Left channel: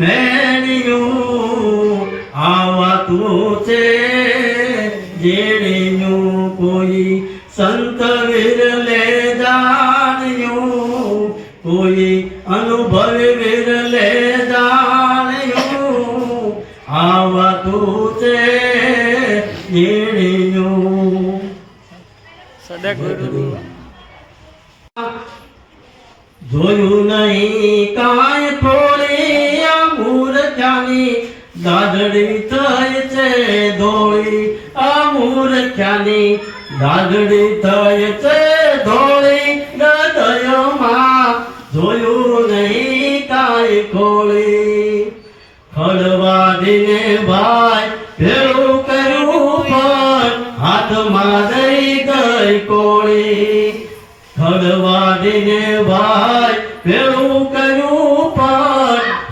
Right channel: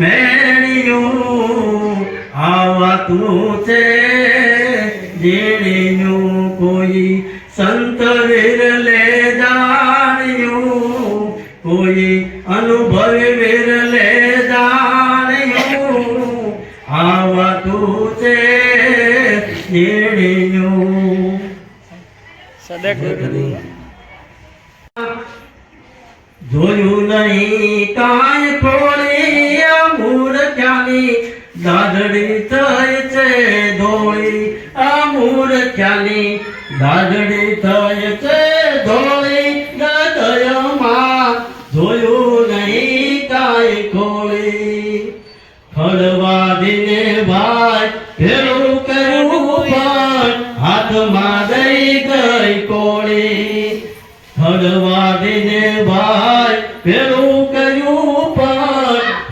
મેણિયું આવાતું છે જેણીયું કોઈ સંત વિરલે જાણ્યું કોઈ અનુભવી વિરલે જાણ્યું આવાતું છે જેણીયું સદગુરુ જોયું નહીં કાંઈ ખોળી આ મૂર્ખ્યાની દાઢડી થઈ છે ધોળી આ મૂર્ખ્યાની દાઢડી થઈ છે ધોળી હૃદયમાં જોયું નહીં કાંઈ ખોળી ખડવાડીને ભાઈ ભેળું કર્યું પણ હાથમાં દઈ ગઈ કોળી ખડવાડીને ભાઈ ભેળું